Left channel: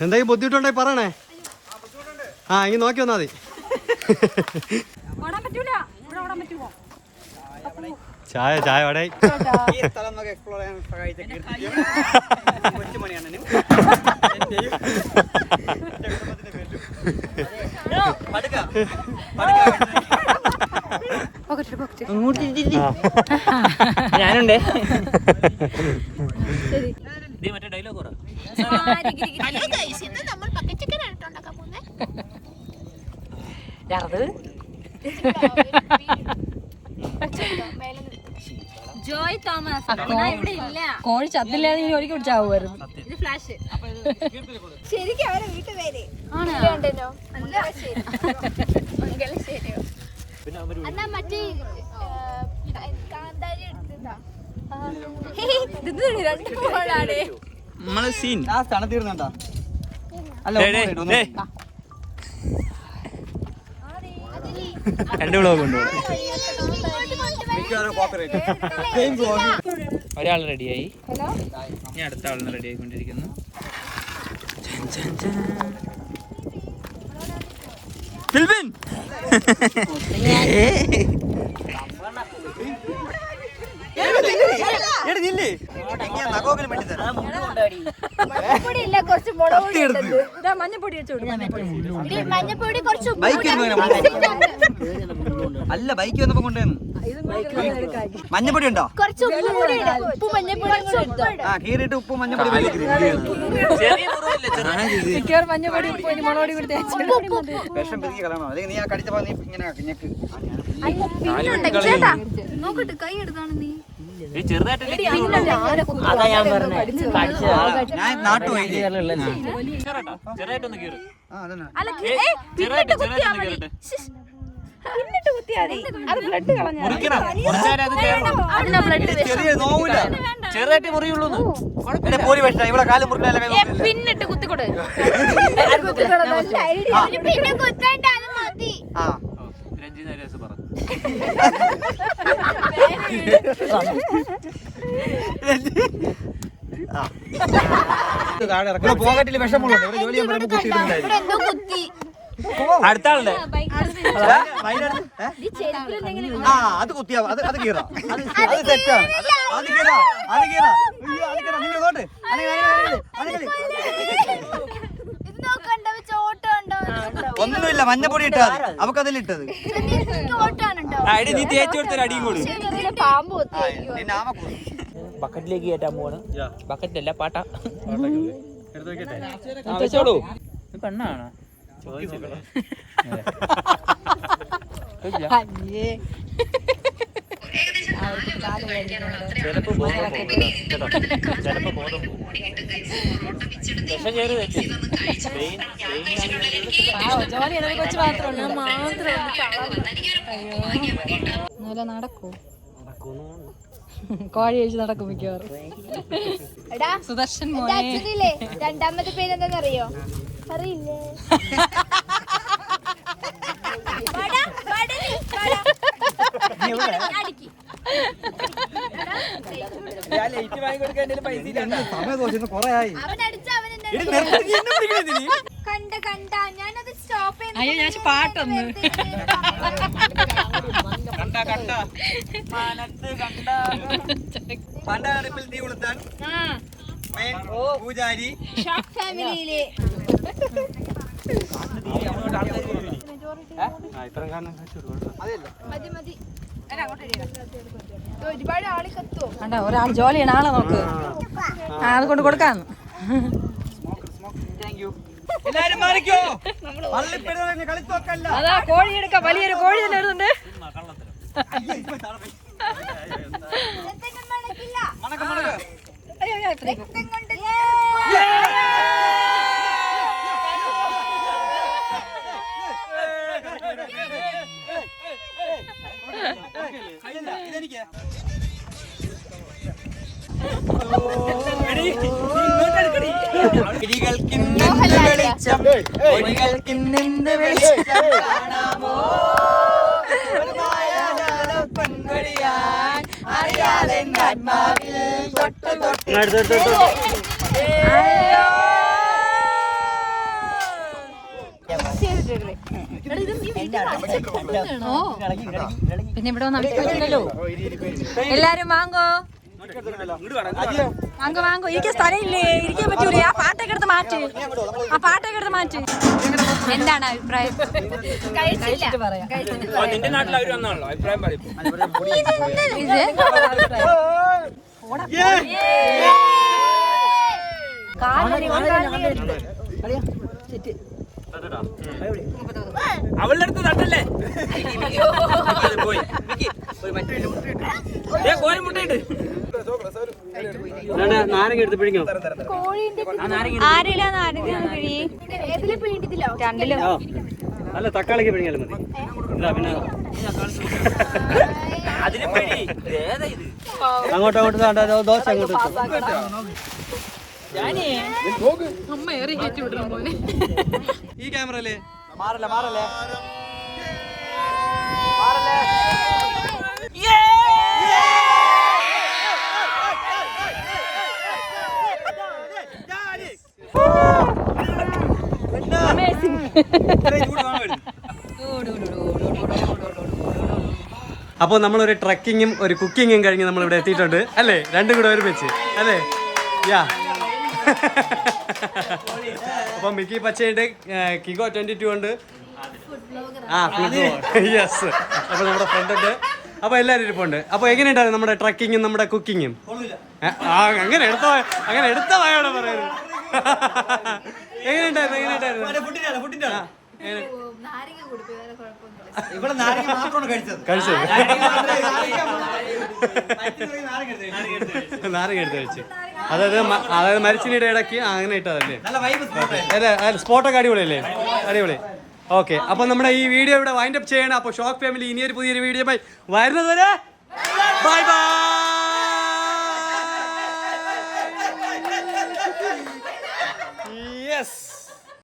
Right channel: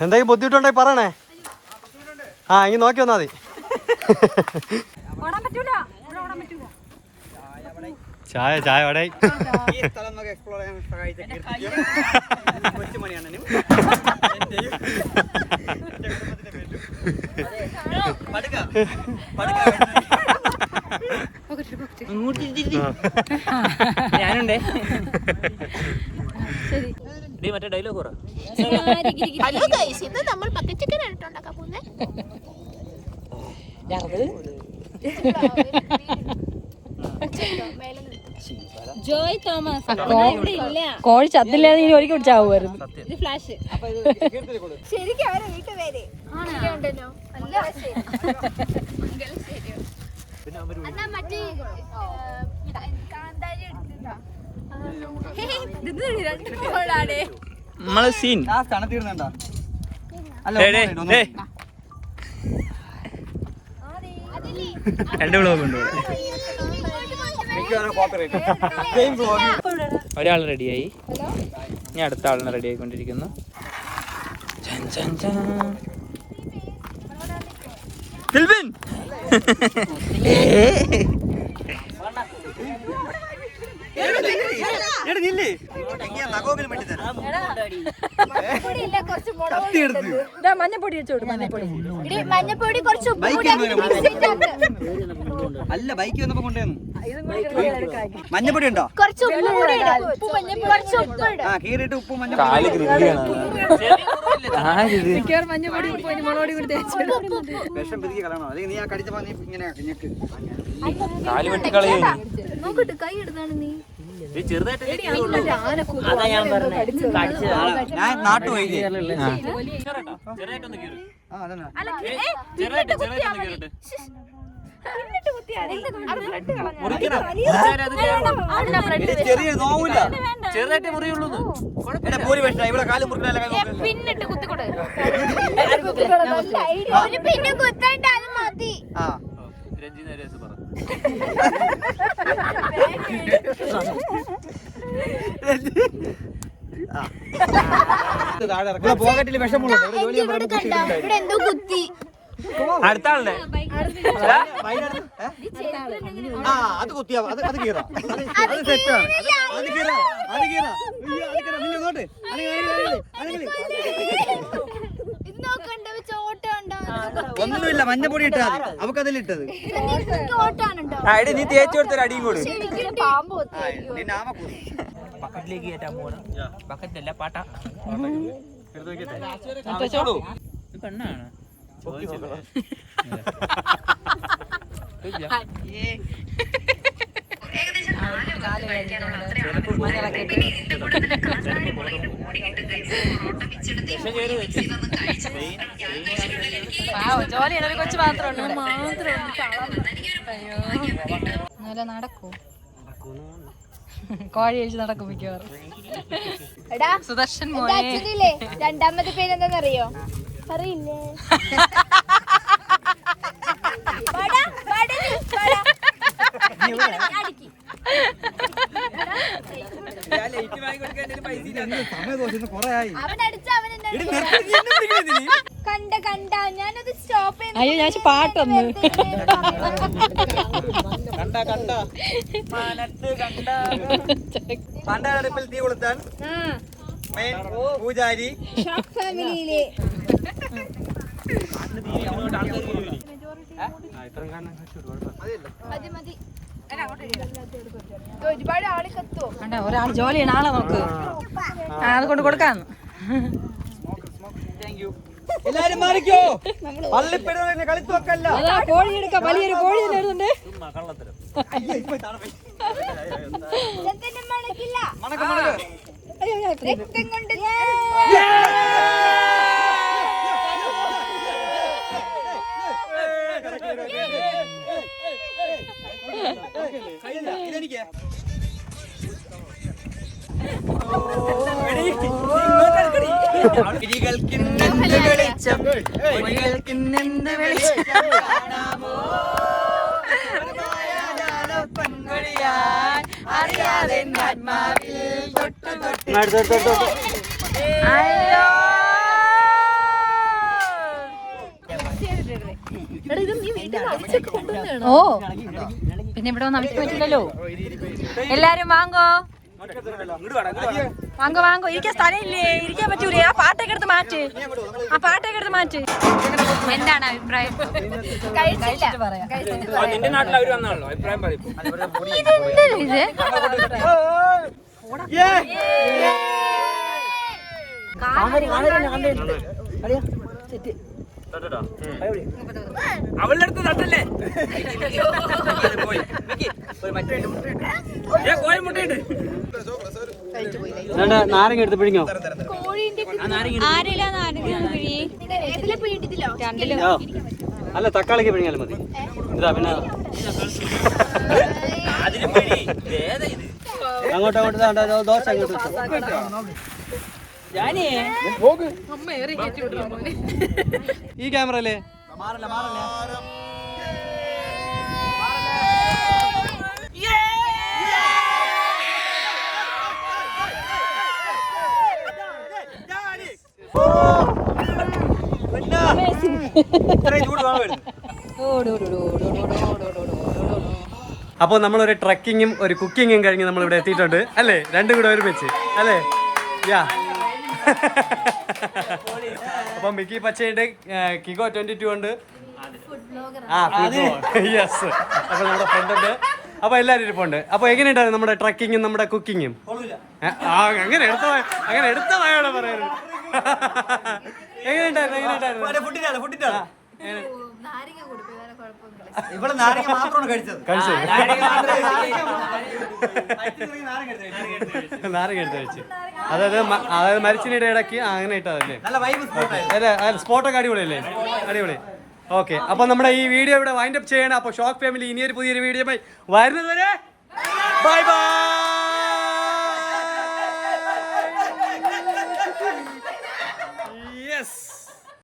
എന്തെങ്കിലും ബുദ്ധിമുട്ടുണ്ടെങ്കിൽ പറയണേ. ആ ഇനി നോക്കി വന്നാൽ മതി. ചായ ചായ വടേ എക്സ്പ്ലോർ ചെയ്യാൻ സഹായിച്ച എന്റെ മറ്റേ ഡയലോഗ് പറ. ഹലോ ഗൈസ് ഇന്ന് നമ്മൾ ബക്കറ്റ് ചിക്കൻ ആണ് ഉണ്ടാക്കാൻ പോകുന്നത് ജോയ് തോമസ് ഇവിടെ ഇല്ല. കോഴി ചത്തില്ലാതെ ഇനി ഒരിക്കൽ പിടിച്ചാവുമായിരുന്നു ഇത് ഫ്ലാഷ് ശരിക്കും അവരെ വീട്ടിൽ പേര് ഉണ്ടല്ലോ. നല്ല ശരി. എന്നാ മറ്റേ ആ, കാന്താരി എടുത്തിട്ടാ രണ്ട് മോളാണേ നമ്മൾ സീൻ ലാസ്റ്റ് ആണ് തീർന്നണ്ട അല്ല. രണ്ട് ഉണ്ട് ഇവിടെ. ഒരാൾ റെഡിയായി ഞാൻ അടുത്ത ആളിനെ റെഡി ആയിക്കൊണ്ടിരിക്കുന്നു. ചൻ, ചൻ, ചൻ. ഫിൽബിൻ എടി നില്ല്. വേണ്ടി തരാം. മഞ്ഞപ്പൊടി കുറച്ച് കുറച്ച് അല്ല ബൈക്ക് വന്നപ്പോ കൊണ്ടുവന്നു. മഞ്ഞപ്പൊടി ഉണ്ടോ? ആ കീറിയിട്ട് ഉപ്പ് കാൽ മഞ്ഞപ്പൊടി ഉപ്പ് മുളകൊടി കൂടി തേച്ചിടും വിഷം പിരിക്കി കളയണോ? അല്ലെങ്കിൽ നീ ആ കടിച്ചപ്പോ നീ ഇങ്ങനെ ഞെക്ക്. കാൽ വെട്ടിക്കളയും നോക്കട്ടെ കൈ നീ. ഞാൻ നാട്ടു പോയില്ലേ ആ. അതന്നെ. ചെറിയ നോവില്ല. ചെറുതായിട്ട് മുറിയുള്ളൂ എന്നെ പോരി വെച്ചാ ഇവിടെ കാലം. പിന്നിട്ട് കുത്തിക്കൊടു പിന്നെ കുത്തായിട്ടാലും മതി. ആ. കണ്ടോ? ആ അത് കുത്തിയാ അത് അത് കീറാം അത് തെറ്റാ. തെറ്റാണ് അത് കീറാം അത് കീറാം അയ്യോ അത് കീറാം നിങ്ങൾ ഇങ്ങോട്ട്. ഒന്നുമില്ല. മഞ്ഞപ്പൊടി ഇട്ടാ അവക്ക് അവക്കതിൽ ഇട്ടത് അടി നീ തേച്ചു കൊടുത്തൊരു അടിയും കൂടി. ബക്കറ്റിലേക്ക് കയറ്റാൻ പോവാണ്. ബക്കറ്റിലല്ല പാട്ട. എടുത്തോളൂ പെണ്ണാണ്. ജോലി ഒരു കൊച്ചു മാത്രമേ മാത്രം അയ്യോ. നടക്കൂ. കോഴി കഴിച്ച് നടക്കും മിക്കവാറും എടാ സുദർശൻ മോനെ രണ്ടാമത്തെ പേര് എന്താണെന്നറിയോ അറിയില്ലേ വട, വട, വട. അടിക്ക്. എന്ത് സമയം തോന്നുന്നു കൊറേ അവൻ അടിച്ച അവൻ എന്നെ നിർത്തി എന്നെ പിടിക്കണേ കണ്ട കണ്ട ഞാനത് സ്റ്റോപ്പ് അയ്യോ, ഞാൻ പാട്ടൊന്ന്. കണ്ട? കണ്ട? പണ്ടടുപ്പിൽ തീ കൊളുത്താൻ മെയിൻ പൂജാരി. കണ്ട ഒരാൾ ജോലി ചെയ്യണ ആളെ നോക്ക്. ആ അത് കൊണ്ട് കൊടുക്കാന്ന് എല്ലാരും മാറിക്കോ. പള്ളിപ്പെടുന്ന കളിച്ചു വെക്കല്ല. അതാ കോഴി എടുക്ക വലിയൊരു കോഴി തന്നെ എഴുതുന്നുണ്ട് ഇതെന്തിനും കിളികൾക്കിന്നെന്ത് വെളിച്ചം? കിളികൾക്കിന്നെന്ത് വെളിച്ചം? അയ്യോ. ഓ പിന്നെ ഇവിടെ വന്ന് അവിക്ക് പറ്റില്ലല്ലോ. എല്ലാരും വാങ്ങോ? വാങ്ങോ വാങ്ങോ. ഇരിക്കാൻ സ്ഥലമില്ലേ? ഇരിക്കാൻ പറ്റൂലേ? ആ പാട്ടൊക്കെ എടുത്ത് മാറ്റ്. ആ പാട്ടൊക്കെ എടുത്ത് മാറ്റ്. എന്താണ് അഭിപ്രായം? കഴിച്ചിട്ട് പറയാം. നിന്റെ നാട്ടിൽ അവർ വന്നാണല്ലോ അഭിപ്രായം പറയും. ഇതെന്ത് ഇത്? അവളുടെ അടുത്ത് തട്ടല്ലേ? പോയി. ഏ, കോഴി മുട്ടയുണ്ട് നാരങ്ങ എടുത്ത് പിടിങ്ങോ ആരില്ല നാരങ്ങ പിഴി ഏതിലെ പിടിയിട്ടില്ലോ രണ്ടിലും. അല്ല തക്കാളിക്ക് പിഴിഞ്ഞാലും മതി. ഇതാ പിന്നെ. അങ്ങോട്ട് ദോശ അങ്ങോട്ട്. ഈ ക്യാമറ അല്ലേ? അപ്പോൾ നമ്മളൊരു ട്രക്കിങ്ങും ഒരു കുക്കിങ്ങും കഴിഞ്ഞ് നമ്മൾ ഇവിടെ എത്തിയിട്ടുണ്ട്. അല്ലേ? രണ്ടും കൂടെ ഒരുമിച്ച്. അല്ലേ? യാ. അപ്പോൾ മിക്കി പച്ചയുണ്ട് ഏർ കിഗോ ട്വന്റി ടു ഉണ്ട്. ആ ഫുഡ് യെസ് അപ്പോൾ നമ്മുടെ ഫ്രണ്ട് ഉണ്ട്. അപ്പോൾ എല്ലാവരും ഇരിപ്പുണ്ട്. അപ്പോൾ എങ്ങനെയുണ്ടായിരുന്നു നമ്മുടെ ട്രക്കിങ്ങും നമ്മുടെ കുക്കിങ്ങും ആ അങ്ങനെ എടുത്ത അങ്ങനെ എടുത്ത വായോടെ പറയുന്നത്. എങ്ങനെയുണ്ടായിരുന്നു എങ്ങനെയുണ്ടായിരുന്നു? ആ, എങ്ങനെ- ഇവിടെ നാരങ്ങ മാത്രമാണ് കഴിച്ചത്. കഴിച്ചത്. നാരങ്ങ നാരങ്ങ എടുത്ത് കഴിച്ചു. അതായത് മ- അതായത് മരിച്ചിനിടെ ഇടയ്ക്ക് അങ്ങനെ ഇട്ടതല്ലേ? നല്ല വൈബ് അല്ലേ? അല്ല സ്പോട്ടൊക്കെ അടിപൊളിയല്ലേ? അടിപൊളി. ഓക്കെ അപ്പൊ നമ്മുടെ ഈ വീഡിയോ ഇവിടെ വൈൻഡ് അപ്പ് ചെയ്യണം. അപ്പൊ ഷോക്ക് ഫാമിലി ഇനിയൊരു പുതിയൊരു വീഡിയോ വരുന്നത് വരെ ബൈ ബൈ യെസ്